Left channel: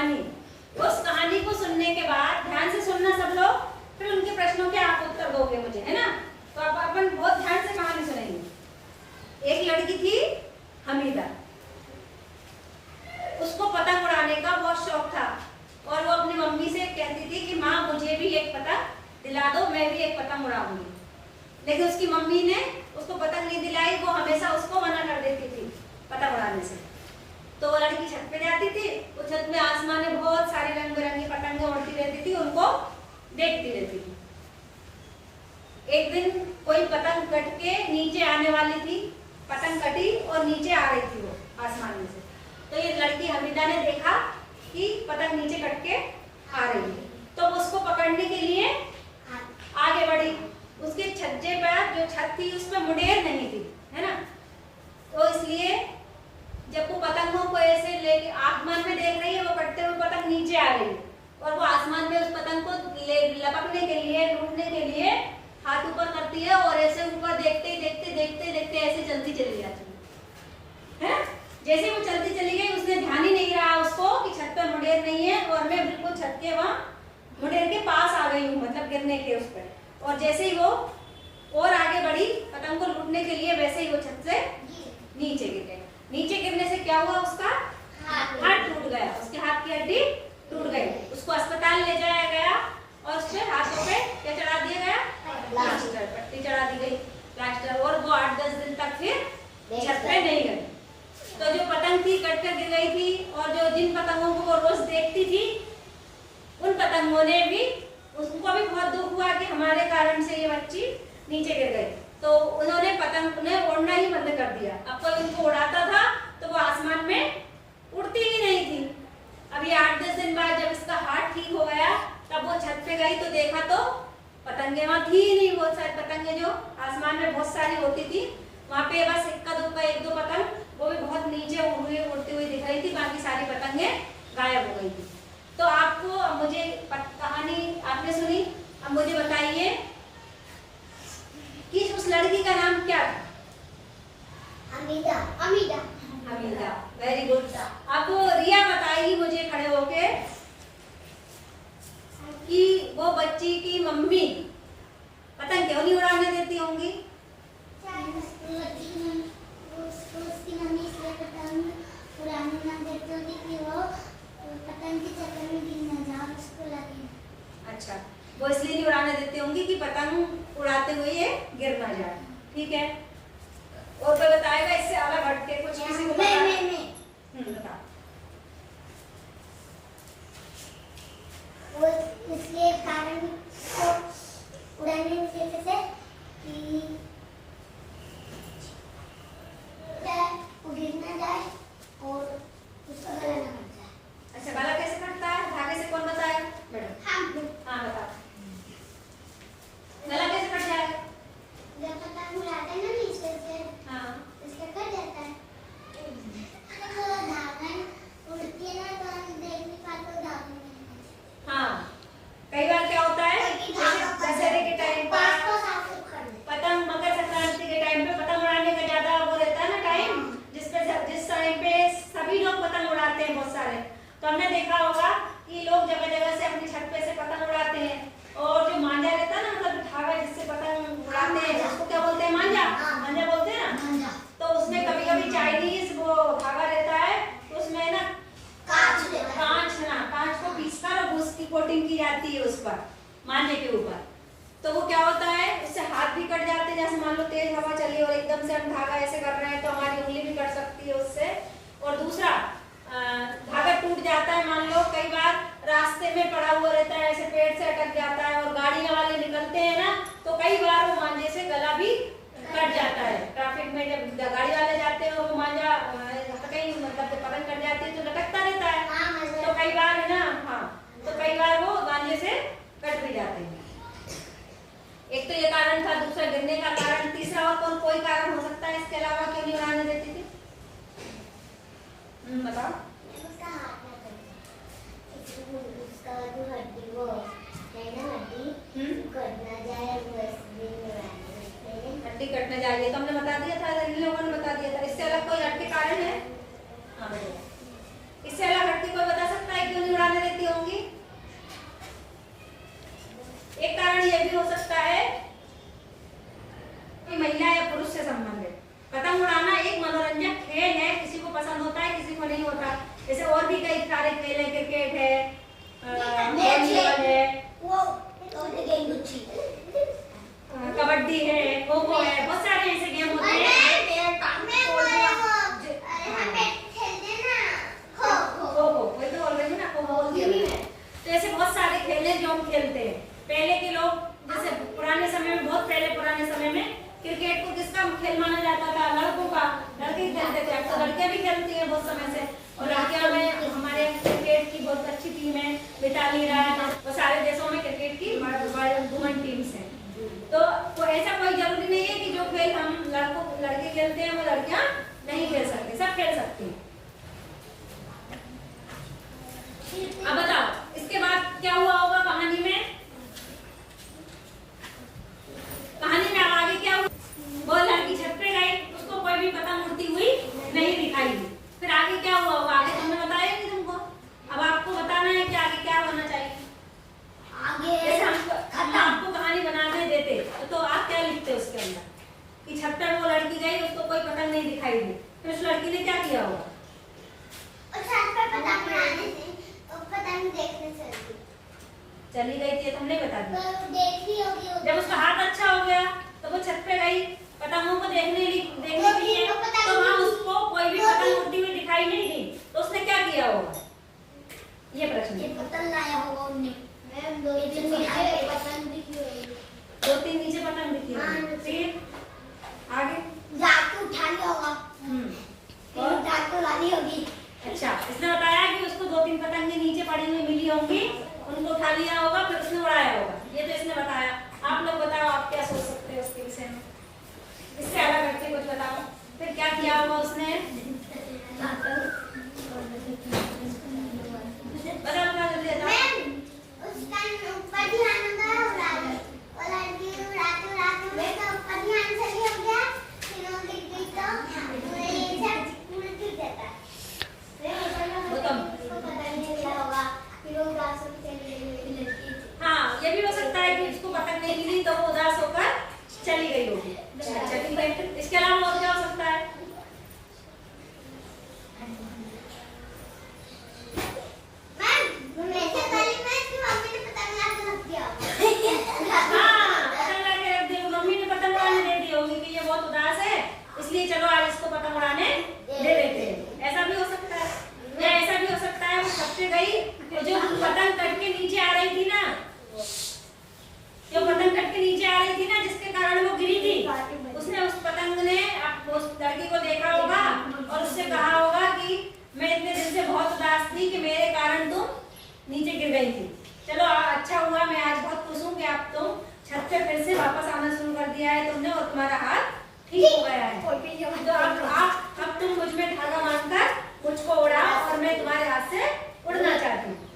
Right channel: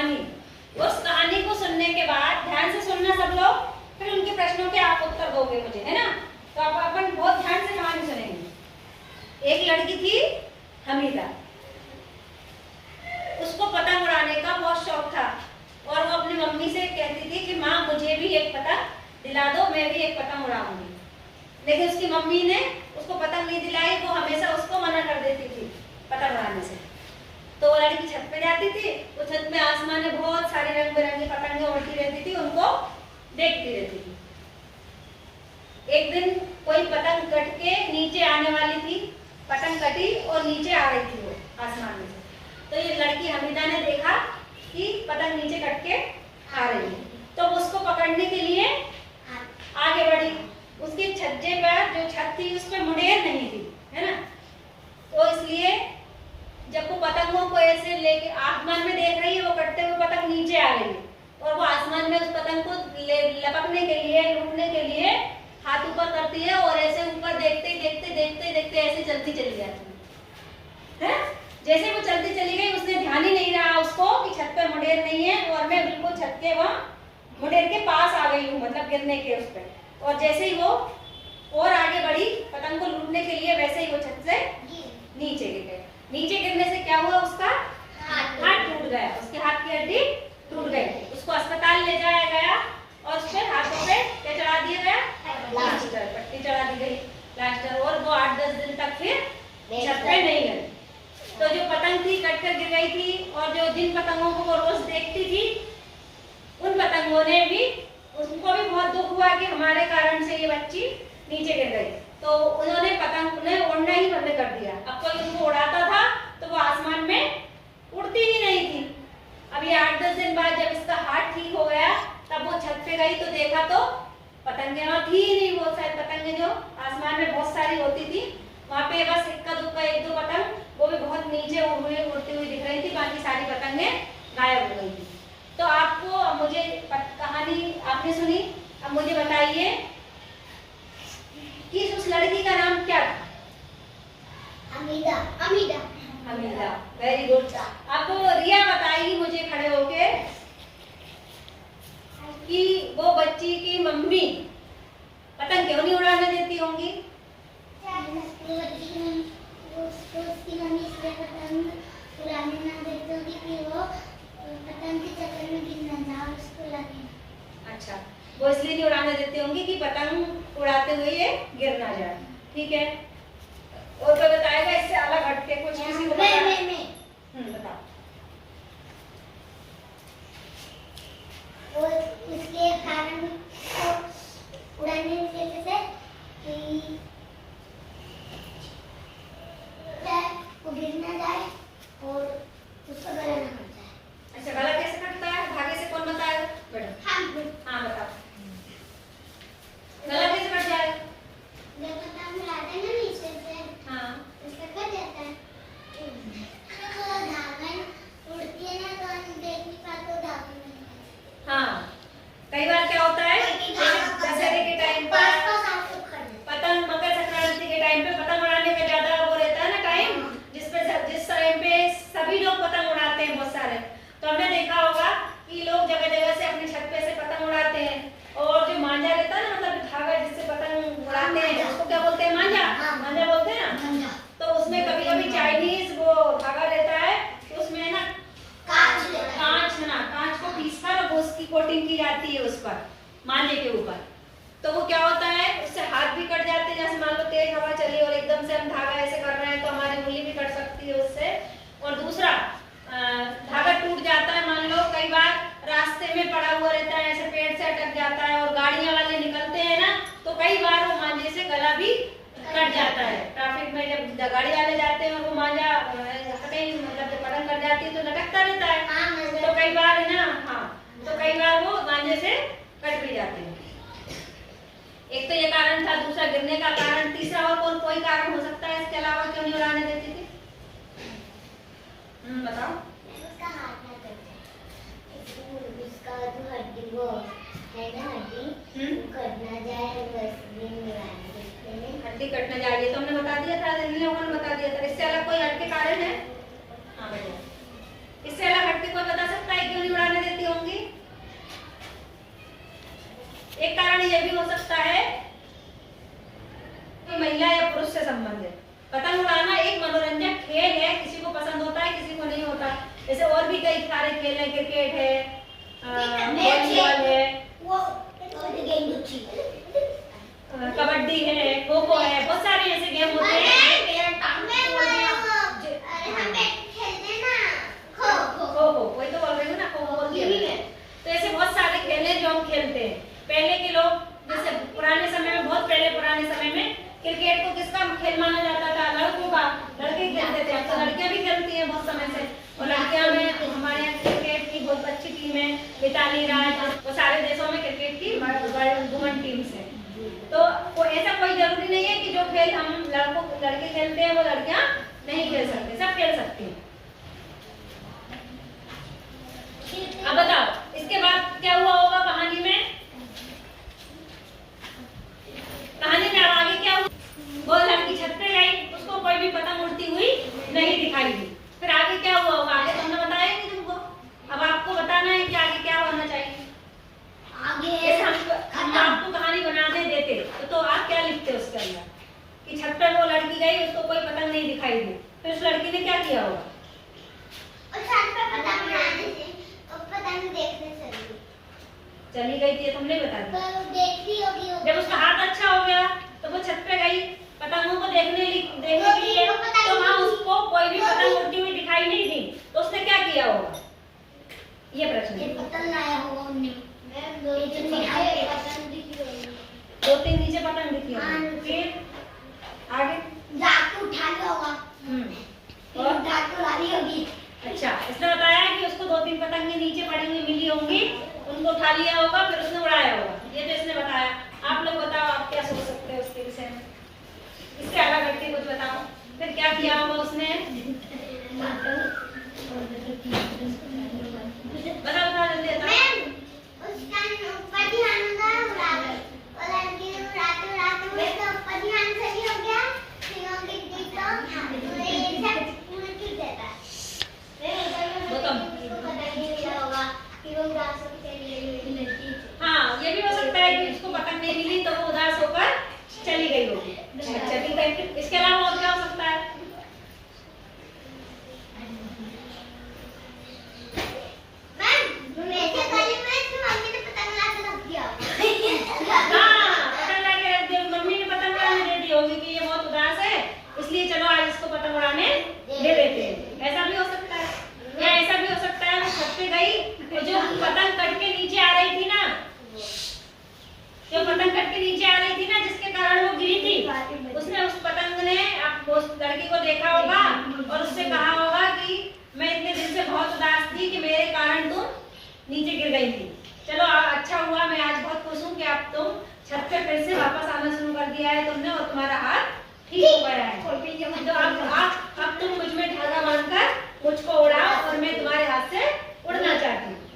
कहानी। उस कहानी को सुनने के बाद ध्यान से सुनना सब लोग, फिर उनके प्रश्नों के आप उत्तर दोगे मुझे, है ना। तो आप अपन बहुत ध्यान से कहानी सुनेंगे। एक लड़की थी हमीदा, उसको पतंग उड़ाने का बहुत शौक था और वो अपनी मम्मी से कहती थी कि माँ मुझे भी एक पतंग दिला दो, मैं भी एक पतंग उड़ाऊंगी। लेकिन उसकी मम्मी ने उसको पतंग नहीं दिलाई, वो हमेशा उसको मना कर देती थी पतंग उड़ाने से। तो वो लड़की छत पे जाती थी, वो छत में आसमान में बहुत सारी रंग बिरंगी पतंगें उड़ती रहती थी, उनको देखती रहती थी। एक दिन कोई पतंग कट के नीचे आने वाली थी, पतंग कटी और नीचे आ रही थी वो आसमान में से। तो ये लड़की हमीदा ने देखा कि पतंग नीचे कट के आ रही है, तो उसको पकड़ने के लिए आगे बढ़ी। उसकी छज्जे पर जो छत थी उसमें मुंडेर नहीं थी, है ना। तो इसलिए जब वो पतंगों को ऐसे लेके आसमान में देख रही है, वो कटते हुए पतंग नीचे आ रही है और वो आसमान में उस पतंग को लपकने के लिए, लूटने के लिए हाथ ऊपर करती है और ऐसे ऊपर देखते देखते देखते देखते ऐसे चलती चली जाती है। जैसे वो चलती चली गई, उसने ध्यान ही नहीं रहा उसको कि छत पर मुंडेर नहीं है और मैं बिल्कुल छत के वहाँ मुंडेर के पास आ गई हूँ, मतलब गिरने के उस पर। और जैसे ही वो और आगे बढ़ी पतंग को लूटने के लिए, वैसे ही वो छत से नीचे गिर गए। नीचे गिरने से क्या हुआ, उसका हाथ टूट गया, उसके हाथ की हड्डी टूट गई। उसको अस्पताल ले जाया गया और उसके हाथों पे क्या चढ़ा दिया गया, प्लास्टर, पट्टी चढ़ा दी गई, प्लास्टर। और वो 8-10 दिन तक फिर छत पे नहीं गई। तो जो पतंग थी कट कर गिर गई थी और जो जिन पतंगों को वो रोज देखती थी, उन पतंगों ने भी, उनको भी बहुत दुख हुआ कि हमारे कारण से ये बच्ची नीचे गिर गई। तो उन्होंने पतंग ने उड़ना ही बंद कर दिया। अब कोई उनको उड़ाता था तो वो आसमान में उड़ती ही नहीं थी। अब ये 8-10 दिन बाद जब इसका हाथ ठीक हो गया, तब वो छत पे गई तो देखा तो पतंगे वहाँ थी ही नहीं। बहुत सारी पतंगे जो आसमान में बहुत सारी होती थी, वहाँ पे बस इक्का दुक्का 1-2 पतंग, वो भी बहुत नीचे उड़ती हुई दिख रही थी, बाकी सारी पतंगे गायब हो गई थी। तो आपको मुझे कहानी आपने सुनी, अब मुझे बताइए कि उस लड़की का नाम क्या था? हमीदा। हमीदा। Hamida, very good. आपको रिया बताएगी मुझे खड़े होके कि वो बच्ची की मम्मी पतंग क्यों नहीं उड़ाने देती होंगी? उसकी मम्मी इसलिए पतंग उड़ाने ना देती होगी कि वो पतंग के चक्कर में गिर ना जाए, उसको लगे। अच्छा, वो इसलिए नहीं उड़ाने देती होंगी कि पतंग उड़ाते हुए ये गिर ना जाए, ठीक है। और कोई बताएगा इससे अलग हट के कुछ? किसी को बता। वो इसलिए कारण को उड़ाने की वजह से कि वो गिर ना जाए और उसका गला ना कट जाए। अच्छा, गला कैसे कटता है? धागे से कौन बताएगा? मैडम। हाँ बताओ, गला कैसे कट जाएगा? जब पतंग उड़ाते हैं ना नीचे से, हाँ, उसका कट जाता है। तो धागा उड़ती है ना, तो हम देख नहीं पाते धागे में। हाँ, कई बार क्या होता है, दशहरे के टाइम पर पतंग, मकर संक्रांति के टाइम पे पतंग उड़ाने का ज्यादा वो रहता है ना टाइम, जिस टाइम पे सभी लोग पतंग उड़ाते हैं बहुत सारे। तो हमने देखा होगा कि लोग जगह जगह से अपनी छत पे से पतंग उड़ाते हैं। और जो मांझा रहता है ना, मतलब धागा जिससे पतंग उड़ाते हैं, उसको क्या बोलते हैं? मांझा। मांझा बोलते हैं ना। तो उसमें कभी कभी चाइनीज वो धागा रहता है, तो उसमें ना कांच को पीसकर और उसकी कोटिंग की जाती है उस पर, मांझे के ऊपर। तो वो क्या होता है, उससे हाथ भी कट जाते हैं। जैसे मान लो तेज हवा चली और एकदम से हम धागा ऐसे कर रहे हैं तो हमारी उंगली भी कट सकती है उससे। और दूसरा, धागा टूट जाता है, मान लो कई बार रास्ते में पड़ा हुआ रहता है, ऐसे पेड़ से अटक जाता है और गाड़ियां वाले निकलते हैं ना, तो कई बार वो मांझे से गला भी कट जाता है। ट्रैफिक में जब गाड़ी वाले जाते हैं और वो मांझा कहीं मतलब पतंग कट जाती है तो लटकता रहता है, तो कई बार है ना, हाँ, तो कई बार वो मांझे से कट भी जाते हैं। एक तो ये कारण था, दूसरा गिरने का कारण, तीसरा और कोई कारण हो सकता है इसके अलावा क्यों नहीं उड़ाने देती थी? बताओ। उसका हाथ ना कट जाए, उसका जो हड्डी वो है ना, हड्डी कट ना जाए, वैसे उड़ाने देते हैं। हड्डी कट ना जाए, तो हमने बता दिया था, इन लोगों ने बता इससे अलग कोई हट के कारण है? हाँ बताओ, इससे अलग हट के कोई बता सकता है क्यों नहीं भी कई सारे खेल हैं, क्रिकेट है, मैच वॉलीबॉल है, वो गेम गुच्छी कबड्डी है, खो खो है, बहुत सारे ऐसे गेम होते हैं। खो खो वही तो बोल रही हूँ ना, खो खो बोलती हूँ मैं। तो ऐसे बहुत सारे खेल हैं जो हम खेलते हैं। पहले के लोग जैसे पुराने समय में, बहुत पहले पुराने समय में क्रिकेट को किसका खेल माना जाता था? लड़कों का। लड़के खेलते थे। अब तो लड़कियां भी खेलती हैं बहुत समय से, और लड़कियां में हमारे यहाँ क्रिकेट की बहुत अच्छी टीम है, मिताली राज, वो सारे देशों में क्रिकेट की वुमेन टीम्स है। तो ऐसा कोई जरूरी नहीं है कि जो खेल हम लड़के खेलते हैं वो लड़कियां नहीं खेल सकते, सब खेल सकती हैं। अब बताओ इसके बाद क्या हुआ होगा कहानी में? कहानी में अब आगे क्या हुआ? वो लड़की छत पे गई, उसको कोई भी पतंग उड़ती हुई नहीं दिखाई दी। फिर आगे क्या हुआ होगा? आगे तो हमने बताया नहीं तुमको, अब आपको बताना है कि आगे क्या होना चाहिए। जैसे हम आपको कहानी बनाने देते तो आप क्या लिखते उसके अंदर कि छत पे वो लड़की गई, उसको कोई पतंग नहीं दिखाई दी, फिर उस लड़की ने क्या किया होगा? चली गई थी, हमने बता दिया। जब उसका हाथ अच्छा हो गया तो वो छत पे गई पतंगों को देखने के लिए, तो वहाँ उसको कोई भी पतंग उड़ती हुई दिखाई नहीं दी, तो उसने क्या किया होगा? ये प्रश्न है। दो तीन नीचे पतंग दिखी होगी, फिर आगे जाके उठा लिया होगा और जाके लानी होगी। अच्छा, इसने बताया कि उसको 2-3 पतंगे नीचे पड़ी हुई मिली होंगी, उनको उठा लिया होगा, फिर उसने उड़ाया होगा। ये तो इसने बताया। आप लोग बताओ, आप क्या सोच सकते हो उसके विषय में? इससे अलग हटके कुछ बताओ। फिर क्या किया होगा उसने? बता जल्दी बताओ। हाँ, ये भी हो सकता है कि उसको पतंग नहीं मिली तो वो उदास होकर चली गई होगी। चली गई। इसके अलावा और क्या हो सकता है? कि ये बहुत उदास है, इसलिए चलो आज इसको पतंग उड़ाने दे देते हैं। ऐसा भी हो सकता है, या ऐसा भी हो सकता है वो छत पे गई तो जो पतंग कट के नीचे आ रही थी ना, जिसके कारण वो गिरी थी, उसने उस पतंग ने उस लड़की को देखा होगा और उससे कहा होगा कि मैं इतने दिन से बहुत उदास थी कि मेरे कारण तुम नीचे गिर गई थी। चलो अच्छा हुआ, मैं आज बहुत खुश हूँ कि अब तुम छत पे फिर से वापस आना शुरू कर दिया है तुमने, और तुम्हारा हाथ ठीक हो गया है। तो अब तुम मुझ में धागा बांधकर मुझको उड़ाओ और मैं तुम्हारे हाथ से उड़ना चाहती हूँ।